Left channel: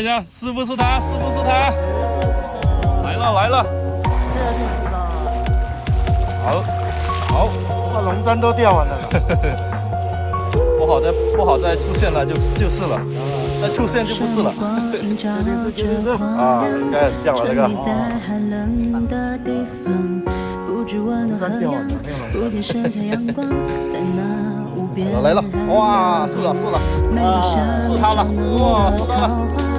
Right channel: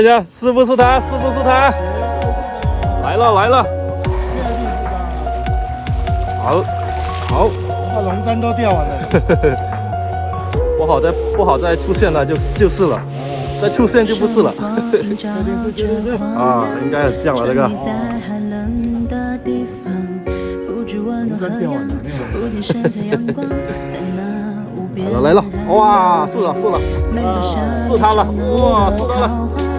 大家，是不是他？是不是他？来了来了！好，好，把龙簪都钓完了。不好再出现了就是了，再出现就不是了。光映照着荒凉，沉溺在寒冷的地方，不知温暖何样，不禁伸向阳光，在那无边海洋，哇，是了，每个夏日照能的桃花。